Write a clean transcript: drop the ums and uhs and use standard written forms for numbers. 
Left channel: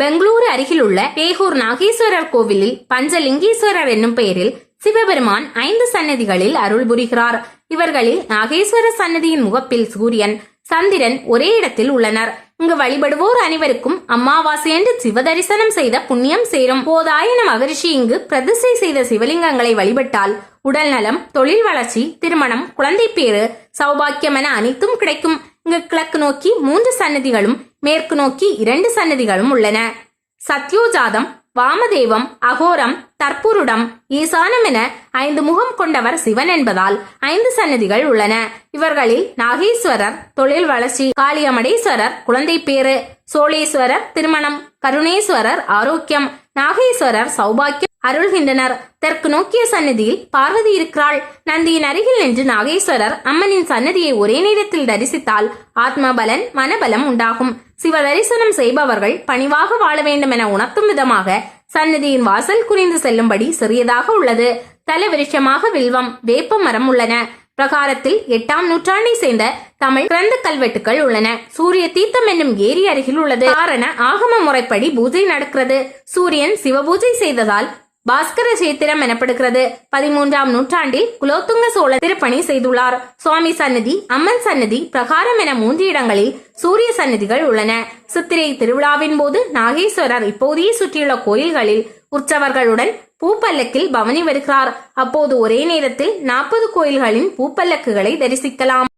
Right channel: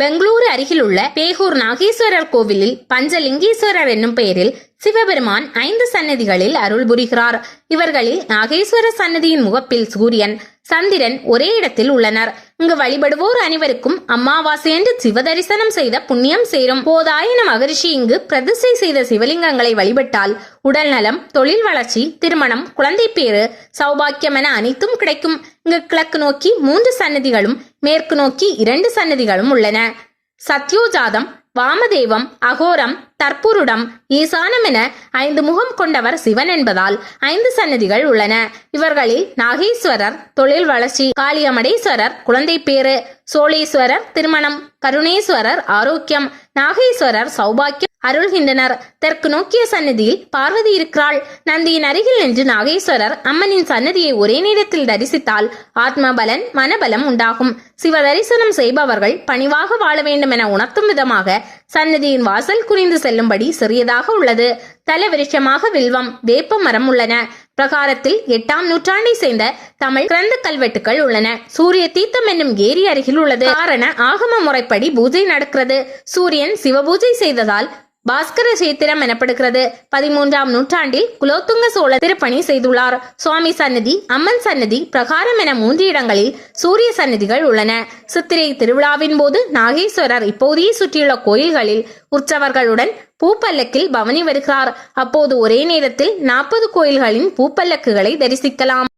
பெங்களூரு அருகிலுள்ள பேகூர் நாகேஸ்வரர் கோவிலில் பஞ்சலிங்கேஸ்வரர் என்னும் பெயரில் சிவபெருமான் 5 சன்னதிகளில் அருள் புரிகிறார். இவர்களில் நாகேஸ்வரர் சன்னதியின் முகப்பில் சூரியன், சந்திரன் ஒரே இடத்தில் உள்ளனர். இங்கு வழிபடுவோர் அனைவருக்கும் அமாவாசையன்று சிவ தரிசனம் செய்த புண்ணியம் சேரும். போதாயன மகரிஷி இங்கு பிரதிஷ்டை செய்த சிவலிங்கங்களை வழிபட்டால் உடல் நலம், தொழில் வளர்ச்சி, திருமணம், குழந்தை பேறு, சௌபாக்கியம் என அனைத்தும் கிடைக்கும். இங்கு கிழக்கு நோக்கி 3 சன்னதிகளும், மேற்கு நோக்கி 2 சன்னதிகளும் உள்ளன. சத்யோஜாதம், வாமதேவம், அகோரம், தற்புருடம், ஈசானம் என 5 முகம் கொண்டவர் சிவன் என்பதால் 5 சன்னதிகள் உள்ளன. இவர்களில் நாகேஸ்வரர் தொழில் வளர்ச்சி, காளியமடேஸ்வரர் குழந்தை பேறு, சோழேஸ்வரர் திருமணம், கருணேஸ்வரர் ஆரோக்கியம், நாகேஸ்வரர் சௌபாக்கியம் அருள்கின்றனர். தெற்கு நோக்கிய சன்னதியில் பார்வதி இருக்கிறாள். நந்தியின் அருகில் நின்று நாகேஸ்வரர் அம்மனின் சன்னதியை ஒரே நேரத்தில் தரிசித்தால் ஆத்மபலன், மனபலம் உண்டாகும். சிவ தரிசனம் செய்பவர்கள் பணிவாக வாழ வேண்டும் என உணர்த்தும் விதமாக சன்னதியின் வாசல் குறிந்து செல்லும்படி சிறியதாக உள்ளது. தல விருட்சமாக வில்வம், வேப்ப மரம் உள்ளன. பிரகாரத்தில் 8ஆம் நூற்றாண்டை சேர்ந்த தமிழ் கிரந்த கல்வெட்டுகள் உள்ளன. சூரிய தீர்த்தம் என்னும் ஏரி அருகில் உள்ளது. காரண ஆகம முறைப்படி பூஜை நடக்கிறது. சூரியன் சிவபூஜை செய்ததால் பாஸ்கர சேத்திரம் எனப்படுகிறது. 13ஆம் நூற்றாண்டில் குலோத்துங்க சோழர் திருப்பணி செய்துள்ளார். சுவாமி சன்னதி, அம்மன் சன்னதி, பிரகாரம் என 3 இடங்களில் சூரிய சன்னதிகள் உள்ளன. சித்திரை திருவிழாவின் போது நாகேஸ்வரர் இப்போதையே சுற்றியுள்ள கோயில்களில் உற்சவர்களுடன் பூப்பல்லக்கில் பவனி வருகிறார். அப்போது ஒரே நேரத்தில் 40 கோயில்களின் பூப்பல்லக்குகளை தரிசிக்கலாம்.